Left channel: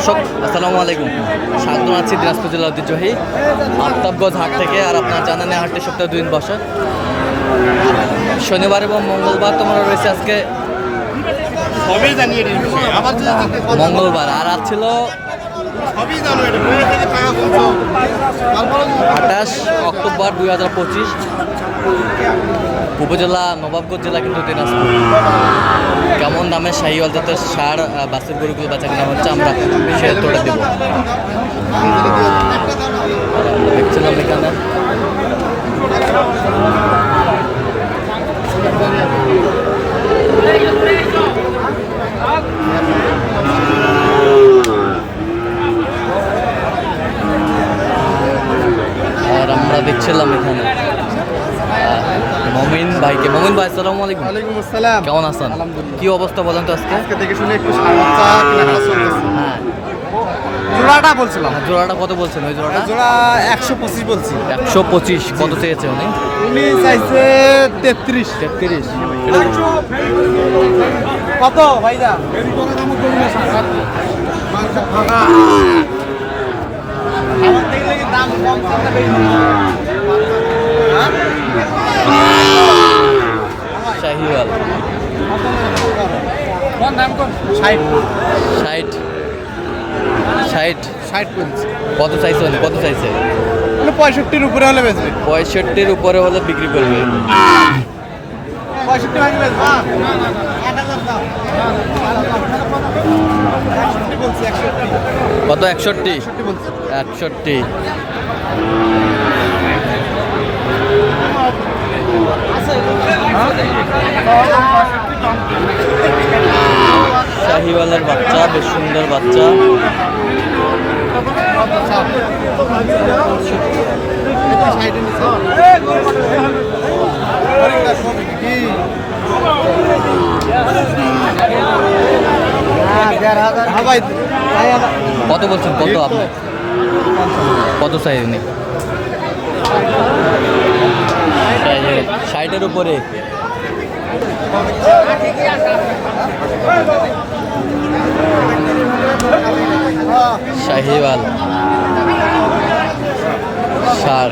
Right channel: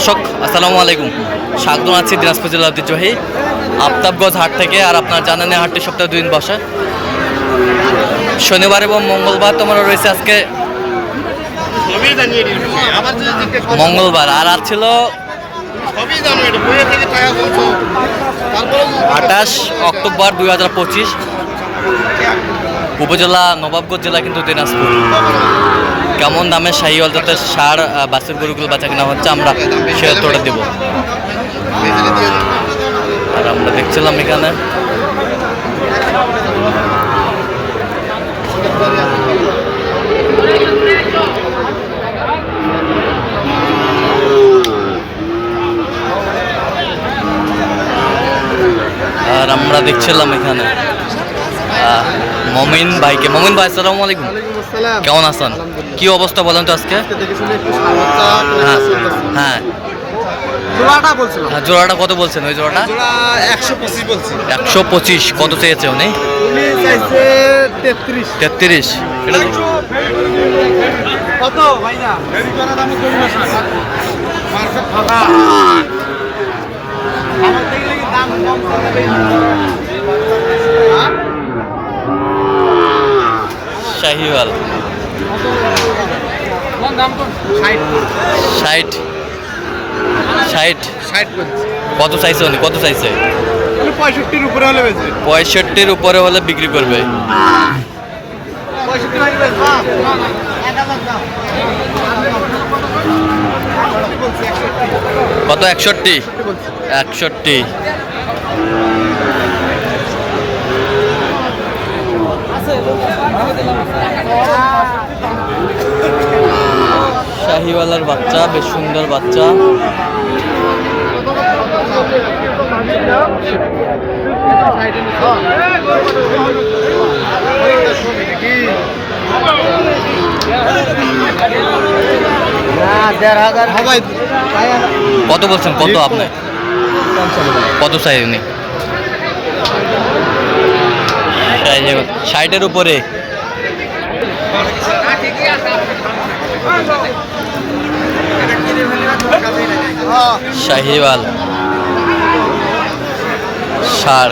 দর্শক, আসসালামু আলাইকুম। স্বাগত আছি দিনাজপুর জেলা ঐতিহ্যবাহী আফতাবগঞ্জ হাট থেকে, আর আপনার জানানে হাটটি সপ্তাহে দুদিন বসে। শনিবার এবং মঙ্গলবার তোমার রয়েছে আজকে। মঙ্গলবার, আর আজ ছিল আঠাশ অক্টোবর দুই হাজার পঁচিশ। উপজেলা নবাবগঞ্জ জেলা কিন্তু দিনাজপুর। কেমন দামে শাহিওয়াল জাতের সার বাছুর গরুগুলো বাচ্চা কেনা হচ্ছে আমরা সে তোটা দেবো। আর আমরা দেখছিলাম এখানে। আর আমরা দেখছিলাম এখানে। মমিন ভাইকে। মমিন ভাই আসসালামু আলাইকুম। কেমন আছেন। কি অবস্থা বলেন তো আজকে? হ্যাঁ হ্যাঁ। জোড়াটা বলছিলাম। হ্যাঁ, জোড়াটা কত বলছেন ওই জোড়াটা? একশো পঁচিশ বলছি। একশো পঁচিশ কত চেয়েছে উনি? তেত্রিশ। তেত্রিশ। এটা কত দাম কম চাইতে হ্যাঁ শাহিওয়াল। ষাট। ষাট। ষাট? কত চাইছে উনি? কত চাইছে? পঁয়ষট্টির উপরে হলে পঁয়ষট্টির উপরে হলে বিক্রি করবে। কত? একষট্টি? একষট্টি। শাহিওয়ালার বাচ্চা বেশ সুন্দর বাচ্চা। কত বলছেন? কত আপনি? কত চাই উনি? ষাটের উপরে। শাহিওয়াল সার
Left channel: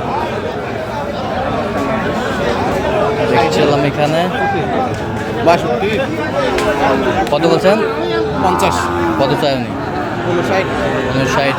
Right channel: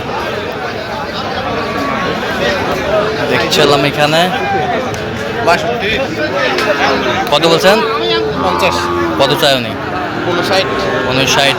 দেখছিলাম এখানে। কত বলছেন? কত চাই উনি উনষাট।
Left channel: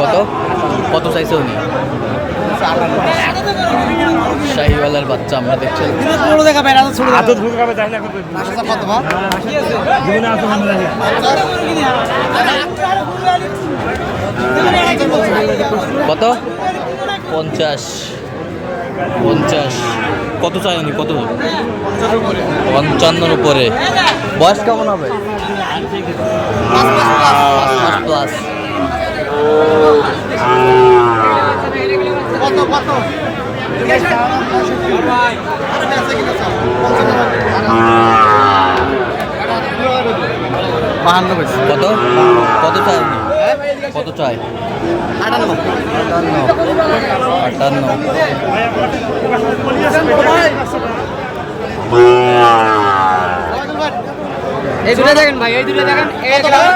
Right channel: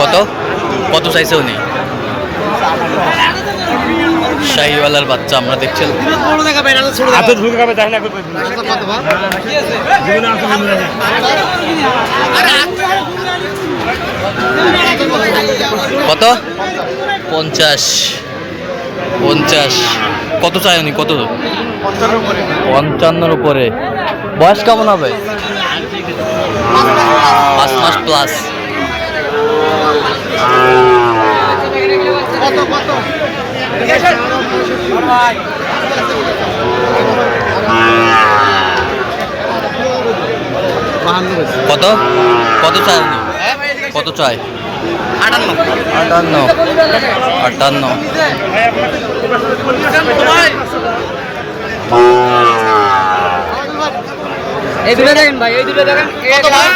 কত? কত চাইছে উনি? শাহিওয়ালার বাচ্চা আমরা দেখছিলাম কত। কত? পঞ্চাশ। পঞ্চাশ। কত চাই উনি? কত? পঞ্চান্নর উপরে। বয়স কেমন হবে? পাঁচ মাস প্লাস কত কত কত? কত চাই উনি কত চাই? আটান্ন। আটান্ন। আটান্ন। এই দুটো দেখেন ভাই এই দুটো দেখেন কত ভাই?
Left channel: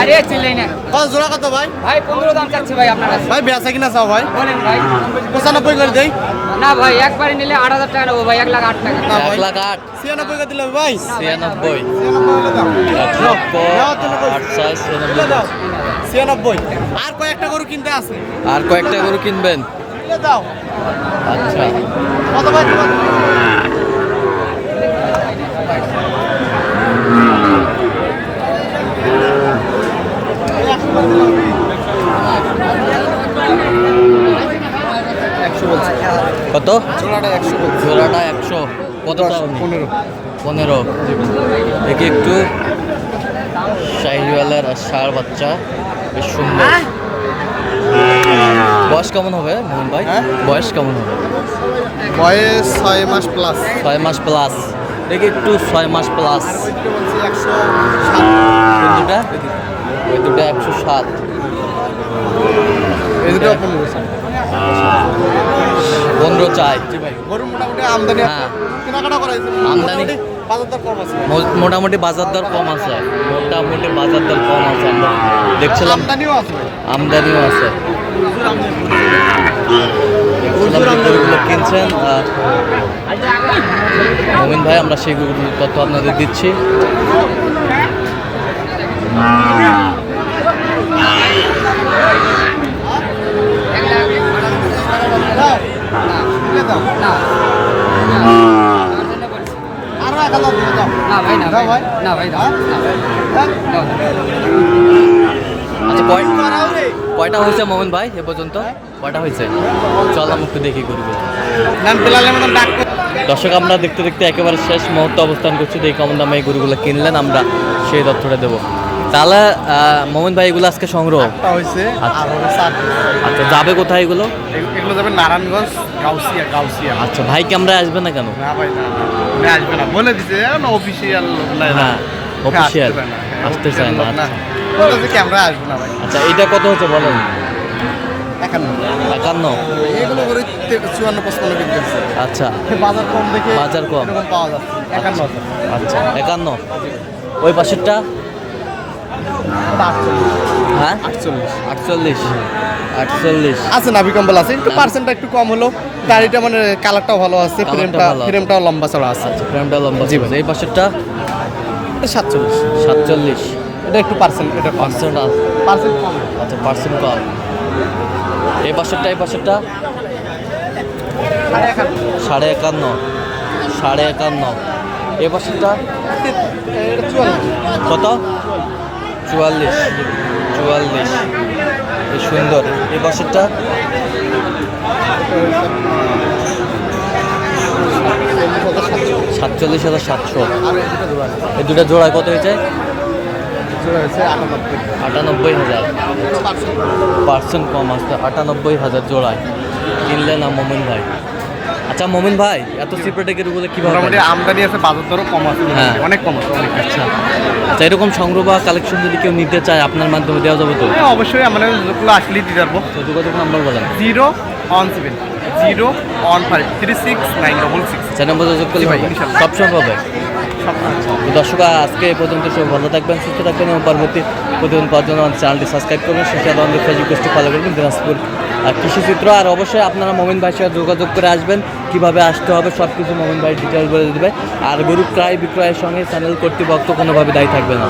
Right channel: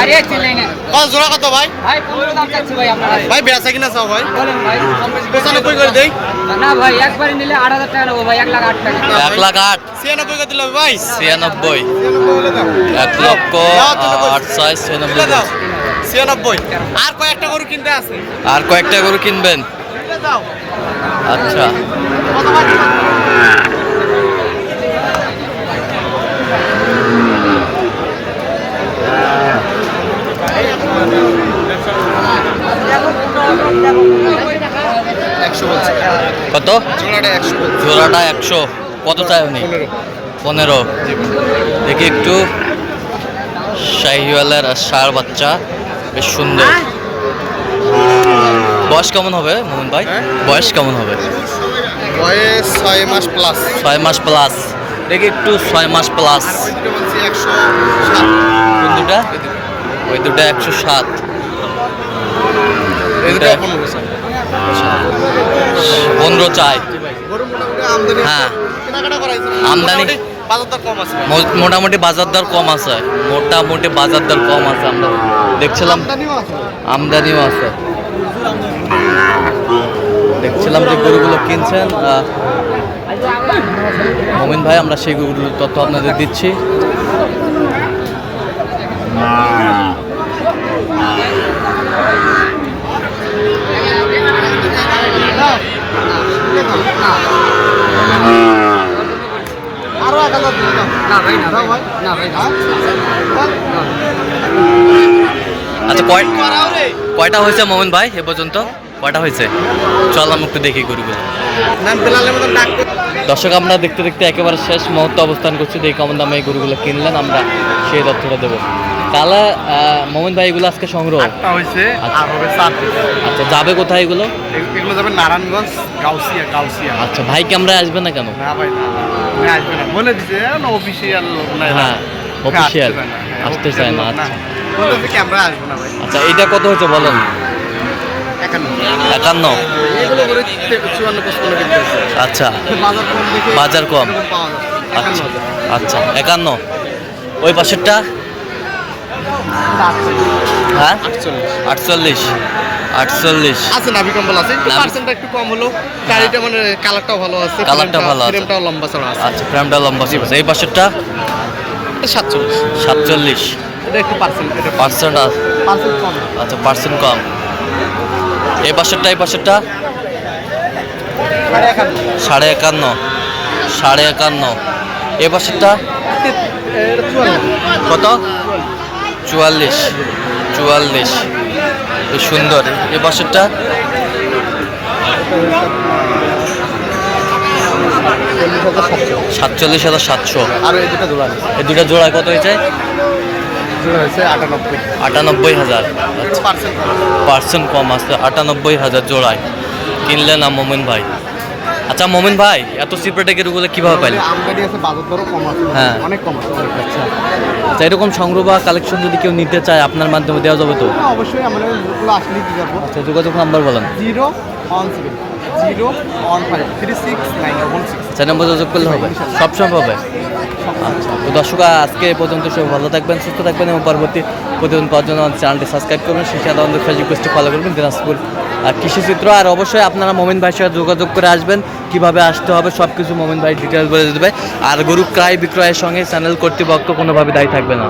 আরে চিল্লাই না কত জোড়া কত ভাই? ভাই পনেরো দাম চাচ্ছি ভাই আপনার ভাই বেচা কিনা চাও ভাই। বলেন ভাই পঁচানব্বই করে দেই। না ভাই একবারে নিলে আট হাজার টাকা নেব ভাই এক লাখ আট টাকা। এক লাখ আট। ছিয়ানব্বই করে দিলে ভাই। ছিয়ানব্বই। এক লক্ষ আট ছয় ছিয়ানব্বই তুলে দাও ছিয়ানব্বই। আর কয়েকটা গরু কিনতে আছে? আর কয়েকটা গরু কিনবেন? আচ্ছা। কত? জোড়াটা একশো কত চাই উনি? পনেরো। দেখি একটু। শাহিওয়ালের ষাঁড় বাচ্চা। বেশ সুন্দর। বয়স কেমন হবে মোহন ভাই? হ্যাঁ? বয়স কেমন হবে? বয়স ছয় মাস প্লাস ছয় মাস প্লাস দেখি একটু ছয় মাস প্লাস ওই দুটো ওই দুটা একশো সাত। পনেরো স্যার চাই আমদানি হ্যাঁ। আমদানি? মোটামুটি বাজার দর কম আছে মোটামুটি বাজার দর কম আছে আমরা দেখছিলাম আমদানিও আছে। দেখছিলাম যে গরুগুলো কিনছেন মমিন ভাই আমরা সেই গরুগুলোর তথ্য আপনাদের দিচ্ছি এক হাজার দিয়ে দাও। না ভাই না ভাই। না ভাই না? দাও। আচ্ছা কয় কয়টা হয়েছে মোমিন ভাই এ পর্যন্ত কয়টা হয়েছে চল আমি একটু দেখি গরুগুলো দর্শক আমরা দেখতে দেখতে একেবারে শেষ মুহূর্তে অবস্থান করছি দেখি কেমন দামে এই গরুগুলো কিনলেন আমরা সেই তথ্যটা দেবো তাহলে মোমিন ভাই এগুলো আজকে সংগ্রহ হয়েছে আচ্ছা। আর হবে সাত আচ্ছা যাবে কোথায় এগুলো এগুলো যাবে নারায়ণগঞ্জ গাউসিয়া গাউসিয়া আচ্ছা ভাই আমরা আসবে না কেন না ভাই না না উনি না। বলে দিছে অফিসিয়াল। হ্যাঁ অফিসিয়াল আসতে চায় না, হ্যাঁ, আসতে চায় না লোক আচ্ছা। ক্যামেরা আসবে না ভাই। আচ্ছা এটা কত হচ্ছে বলেন? একান্ন। আচ্ছা। বাজার কম আচ্ছা আচ্ছা একান্ন। ওই পাশেরটা? হ্যাঁ? আটচল্লিশ। আটচল্লিশ। আছে নাভি কম্বল আছে। একটু পার্সেন্টটা একটু কম হলো। গাড়িটা মানে কালারটাও ভালো আছে কালারটা ভালো আছে। ফ্রেমটাও লম্বা চড়া আছে। আচ্ছা ফ্রেমটা লম্বা ছিল এই পাশেরটা? সাতচল্লিশ। সাতচল্লিশ। এটা একটু পার্সেন্ট এটা পার্সেন্ট পার্সেন্ট কম। আচ্ছা পার্সেন্ট কম। এই পাশেরটা এই পাশেরটা? সাড়ে একান্ন। সাড়ে একান্ন। এ পাশেরটা? কত? চুয়াল্লিশ। চুয়াল্লিশ। বেশ সুন্দর। এ বছরটা সাতচল্লিশ হাজার সাতশো। এই দুটো জোড়া কত হয়েছে? আটানব্বই। হাজার। পার্সেন্ট পার্সেন্ট কম আছে আটানব্বই হাজার জোড়ায়। কিনলেন না মোমিন ভাই? আচ্ছা মোমিন ভাই এত সিপ্রেটে গরুগুলো কীভাবে পাইলেন? আমদানি আছে বাজার দরও কম আছে হ্যাঁ। অনেক কম আছে অনেক। আচ্ছা। আচ্ছা এরকম সংগ্রহ বা কালেকশন যদি কেউ নিতে চায় আপনার মাধ্যমে দেওয়া যাবে তো? হ্যাঁ, অবশ্যই আমরা যেগুলো আসলেই দিতে পারব। আচ্ছা যোগাযোগ নাম্বার বলেন। Zero one seven zero one five three six nine double six. চার নম্বর যোগাযোগ করলে হবে। সবসময় পাবে আচ্ছা তো দর্শক আজকে পর্যন্ত সব ভালো থাকবেন সুস্থ থাকবেন এবং পরবর্তী প্রতিদিন পাওয়ার জন্য আমাদের চ্যানেলটি সাবস্ক্রাইব করবেন সেই সাথে আমাদের ফেসবুক পেজটি ফলো করবেন দিনাজপুর আর কৃষিচিত্র। আর অবশ্যই আপনারা মোমিন ভাইয়ের সাথে যোগাযোগ করে আসবেন। কীভাবে আসতে হবে সব কিছু মোমিন ভাই ডিটেলস বলে দেবে। আর গরু ক্রয় বিক্রয়ের সঙ্গে চ্যানেল কর্তৃপক্ষ কোনোভাবে দায়ী থাকবে না।